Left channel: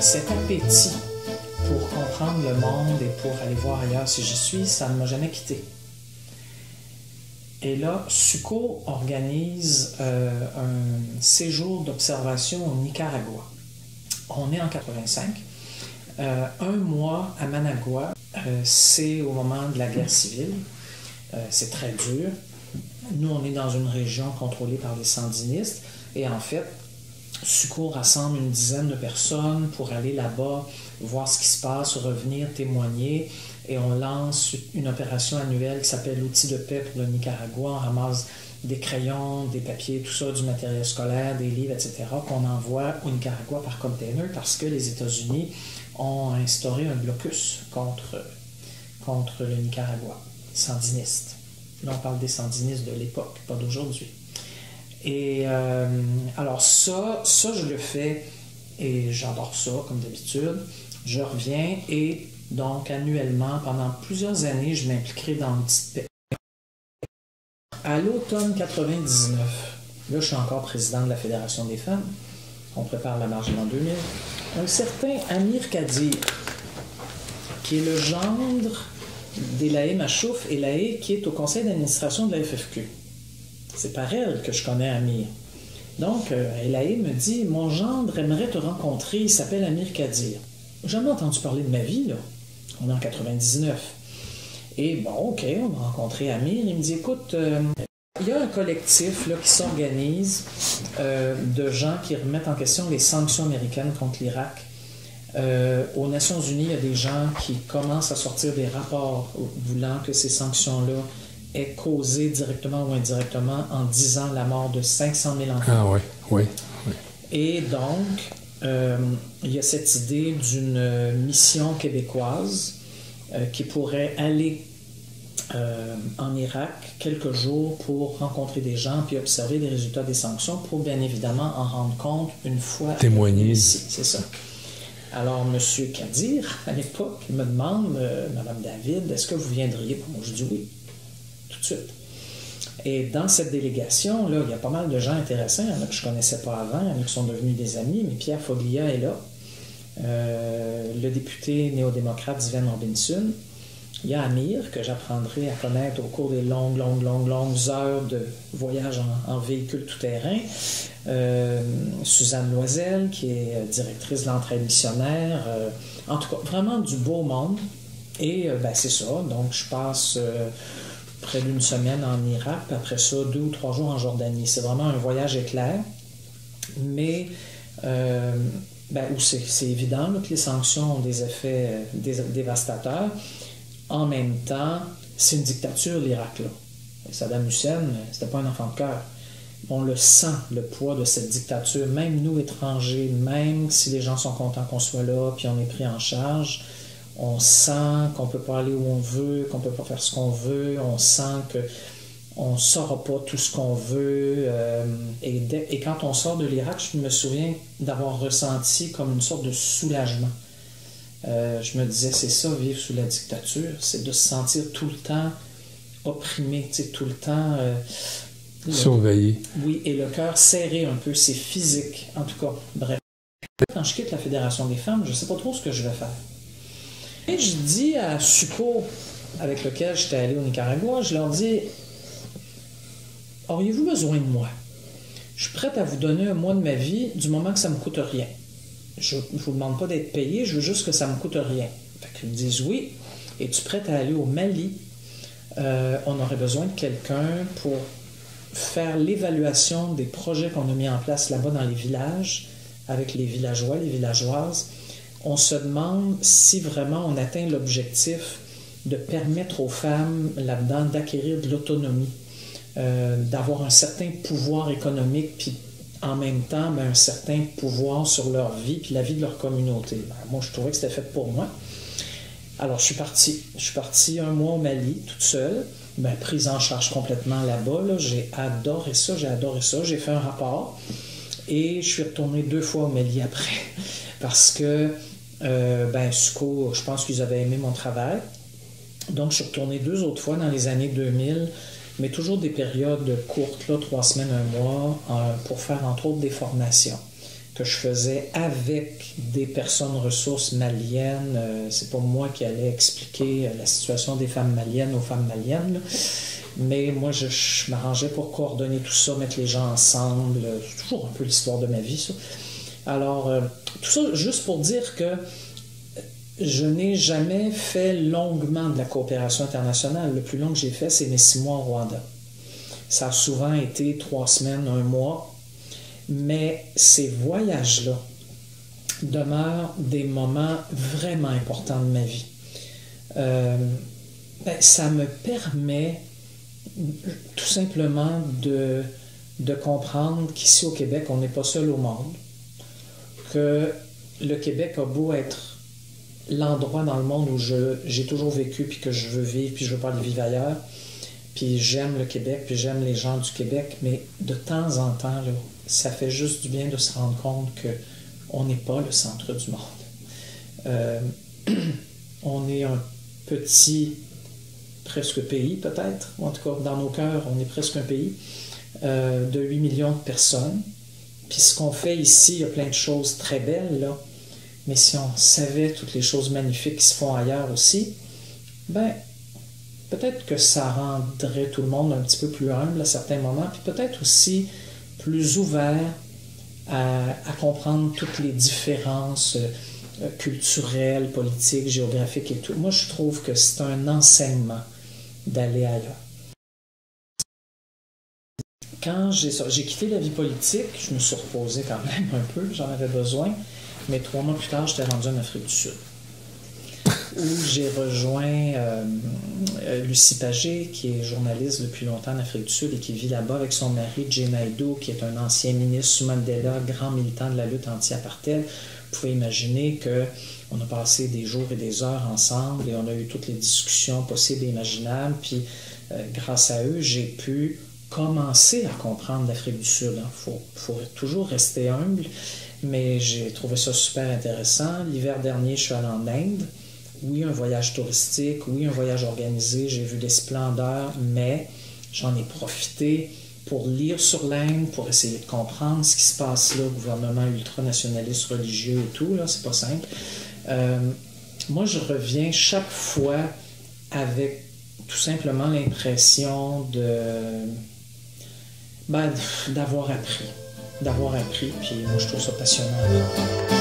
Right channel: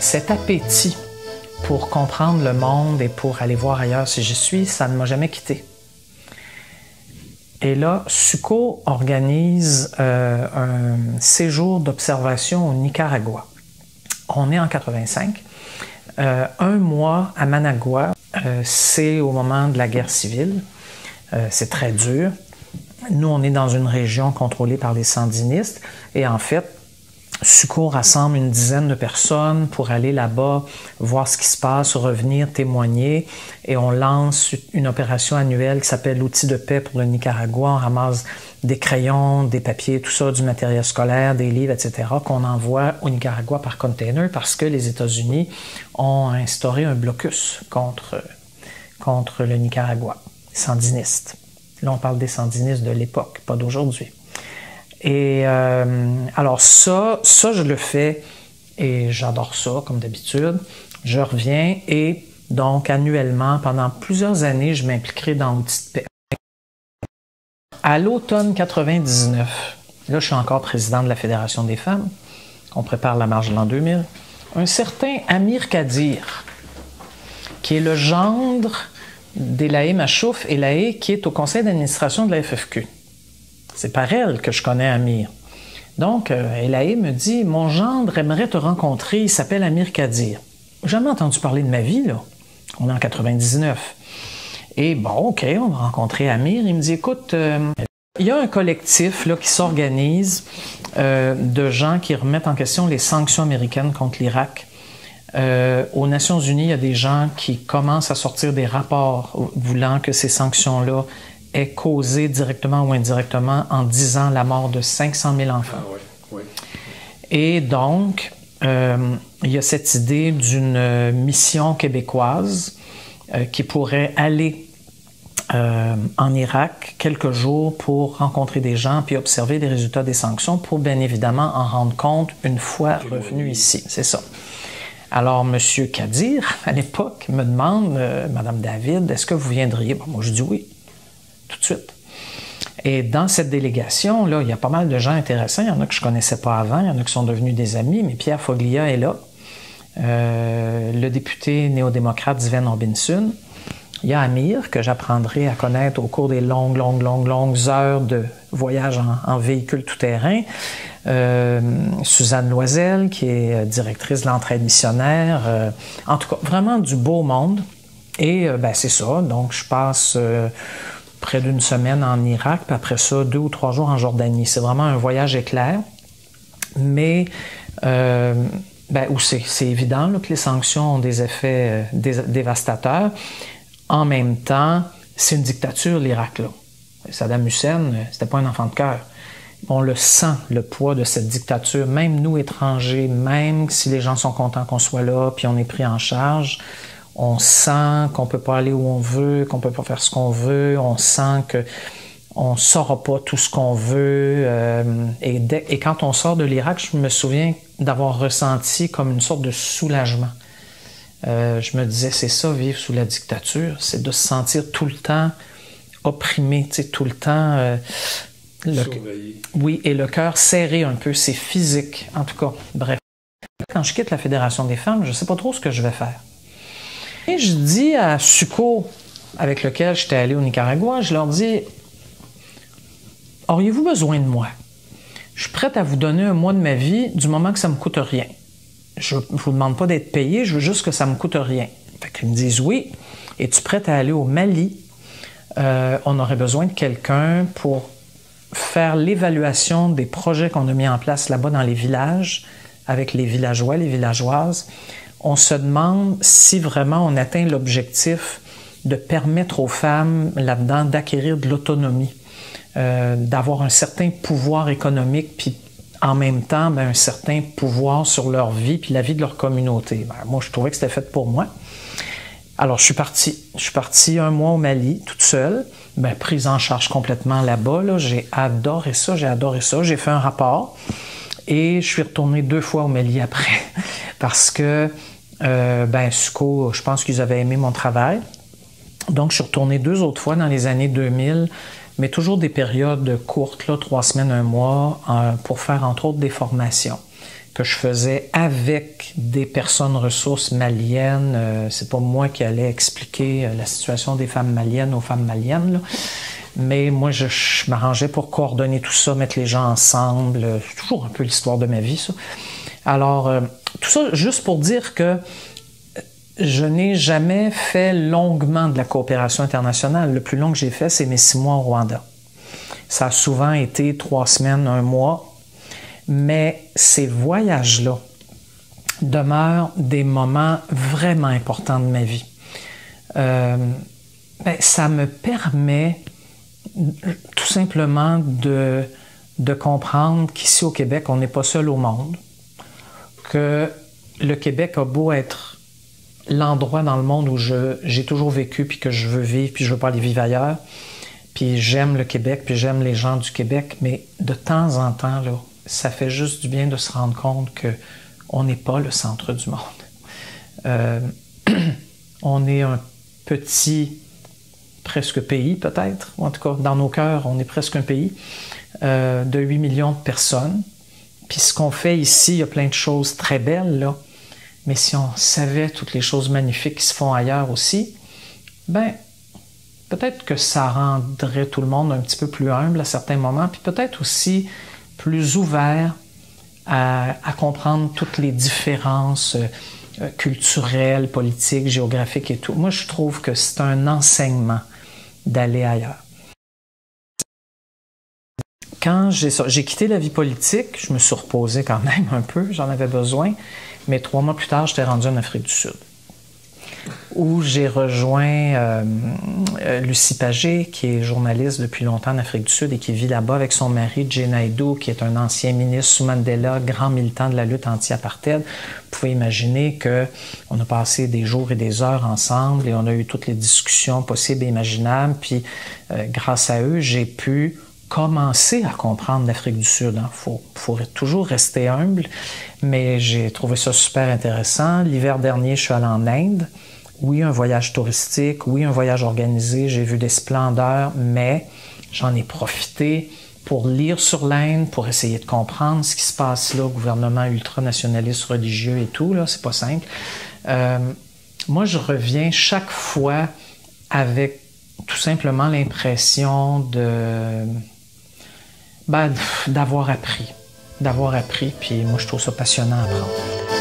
cet appétit pour comprendre le monde et pour aller voir ailleurs si j'y suis, ça ne m'a jamais quitté. Et là, SUCO organise un séjour d'observation au Nicaragua. On est en 85. Un mois à Managua, c'est au moment de la guerre civile. C'est très dur. Nous, on est dans une région contrôlée par les sandinistes. Et en fait, SUCO rassemble une dizaine de personnes pour aller là-bas, voir ce qui se passe, revenir, témoigner. Et on lance une opération annuelle qui s'appelle l'outil de paix pour le Nicaragua. On ramasse des crayons, des papiers, tout ça, du matériel scolaire, des livres, etc., qu'on envoie au Nicaragua par container parce que les États-Unis ont instauré un blocus contre le Nicaragua, sandiniste. Là, on parle des sandinistes de l'époque, pas d'aujourd'hui. Et alors ça, je le fais et j'adore ça, comme d'habitude. Je reviens et donc annuellement, pendant plusieurs années, je m'impliquerai dans l'outil de paix. À l'automne 99, là, je suis encore président de la Fédération des femmes. On prépare la marche de l'an 2000. Un certain Amir Kadir, qui est le gendre d'Elaé Machouf, Elaé qui est au conseil d'administration de la FFQ. C'est par elle que je connais Amir. Donc, Elaé me dit « Mon gendre aimerait te rencontrer, il s'appelle Amir Kadir. » J'ai jamais entendu parler de ma vie, là. On est en 99. Et bon, OK, on va rencontrer Amir. Il me dit « Écoute, il y a un collectif là, qui s'organise de gens qui remettent en question les sanctions américaines contre l'Irak. Aux Nations Unies, il y a des gens qui commencent à sortir des rapports voulant que ces sanctions-là aient causé directement ou indirectement en 10 ans la mort de 500 000 enfants. Ah oui. Et donc, il y a cette idée d'une mission québécoise qui pourrait aller en Irak quelques jours pour rencontrer des gens puis observer les résultats des sanctions pour bien évidemment en rendre compte une fois revenu ici. C'est ça. Alors, M. Kadir, à l'époque, me demande « Madame David, est-ce que vous viendriez? » Bon, moi, je dis oui, tout de suite. Et dans cette délégation, là, il y a pas mal de gens intéressants. Il y en a que je ne connaissais pas avant, il y en a qui sont devenus des amis, mais Pierre Foglia est là. Le député néo-démocrate Sven Robinson. Il y a Amir, que j'apprendrai à connaître au cours des longues heures de voyage en véhicule tout-terrain. Suzanne Loisel, qui est directrice de l'entraide missionnaire. En tout cas, vraiment du beau monde. Et c'est ça. Donc, je passe près d'une semaine en Irak, puis après ça, 2 ou 3 jours en Jordanie. C'est vraiment un voyage éclair. Mais où c'est évident là, que les sanctions ont des effets dévastateurs. En même temps, c'est une dictature, l'Irak, là. Saddam Hussein, c'était pas un enfant de cœur. On le sent, le poids de cette dictature. Même nous, étrangers, même si les gens sont contents qu'on soit là, puis on est pris en charge, on sent qu'on peut pas aller où on veut, qu'on peut pas faire ce qu'on veut, on sent qu'on ne saura pas tout ce qu'on veut. Et quand on sort de l'Irak, je me souviens d'avoir ressenti comme une sorte de soulagement. Je me disais, c'est ça, vivre sous la dictature, c'est de se sentir tout le temps opprimé, tout le temps... surveillé. Oui, et le cœur serré un peu, c'est physique, en tout cas. Bref. Quand je quitte la Fédération des femmes, je ne sais pas trop ce que je vais faire. Et je dis à SUCO, avec lequel j'étais allé au Nicaragua, je leur dis, auriez-vous besoin de moi? Je suis prête à vous donner un mois de ma vie du moment que ça ne me coûte rien. Je ne vous demande pas d'être payé, je veux juste que ça ne me coûte rien. Fait qu'ils me disent oui. Es-tu prête à aller au Mali? On aurait besoin de quelqu'un pour faire l'évaluation des projets qu'on a mis en place là-bas dans les villages, avec les villageois, les villageoises. On se demande si vraiment on atteint l'objectif de permettre aux femmes là-dedans d'acquérir de l'autonomie, d'avoir un certain pouvoir économique, puis en même temps, un certain pouvoir sur leur vie puis la vie de leur communauté. Moi, je trouvais que c'était fait pour moi. Alors, je suis parti. Je suis parti 1 mois au Mali, toute seule, prise en charge complètement là-bas. Là. J'ai adoré ça. J'ai fait un rapport et je suis retourné 2 fois au Mali après parce que, SUCO, je pense qu'ils avaient aimé mon travail. Donc, je suis retourné 2 autres fois dans les années 2000, mais toujours des périodes courtes, là, 3 semaines, 1 mois, pour faire entre autres des formations. que je faisais avec des personnes ressources maliennes. C'est pas moi qui allais expliquer la situation des femmes maliennes aux femmes maliennes, là. Mais moi, je m'arrangeais pour coordonner tout ça, mettre les gens ensemble. C'est toujours un peu l'histoire de ma vie, ça. Alors, tout ça juste pour dire que je n'ai jamais fait longuement de la coopération internationale. Le plus long que j'ai fait, c'est mes 6 mois au Rwanda. Ça a souvent été 3 semaines, 1 mois. Mais ces voyages-là demeurent des moments vraiment importants de ma vie. Ça me permet tout simplement de comprendre qu'ici au Québec, on n'est pas seul au monde, que le Québec a beau être l'endroit dans le monde où j'ai toujours vécu, puis que je veux vivre, puis je veux pas aller vivre ailleurs, puis j'aime le Québec, puis j'aime les gens du Québec, mais de temps en temps, là, ça fait juste du bien de se rendre compte qu'on n'est pas le centre du monde. On est un petit presque pays peut-être, en tout cas dans nos cœurs, on est presque un pays de 8 millions de personnes. Puis ce qu'on fait ici, il y a plein de choses très belles, là, mais si on savait toutes les choses magnifiques qui se font ailleurs aussi, ben peut-être que ça rendrait tout le monde un petit peu plus humble à certains moments, puis peut-être aussi plus ouvert à comprendre toutes les différences culturelles, politiques, géographiques et tout. Moi, je trouve que c'est un enseignement d'aller ailleurs. Quand j'ai quitté la vie politique, je me suis reposé quand même un peu, j'en avais besoin, mais 3 mois plus tard, j'étais rendu en Afrique du Sud, où j'ai rejoint Lucie Pagé, qui est journaliste depuis longtemps en Afrique du Sud et qui vit là-bas avec son mari, Jay Naidoo, qui est un ancien ministre sous Mandela, grand militant de la lutte anti-apartheid. Vous pouvez imaginer qu'on a passé des jours et des heures ensemble et on a eu toutes les discussions possibles et imaginables. Puis, grâce à eux, j'ai pu commencer à comprendre l'Afrique du Sud. Il faut toujours rester humble, mais j'ai trouvé ça super intéressant. L'hiver dernier, je suis allé en Inde. Oui, un voyage touristique, oui, un voyage organisé, j'ai vu des splendeurs, mais j'en ai profité pour lire sur l'Inde, pour essayer de comprendre ce qui se passe là, gouvernement ultranationaliste religieux et tout, là, c'est pas simple. Moi, je reviens chaque fois avec tout simplement l'impression d'avoir appris, puis moi, je trouve ça passionnant à apprendre.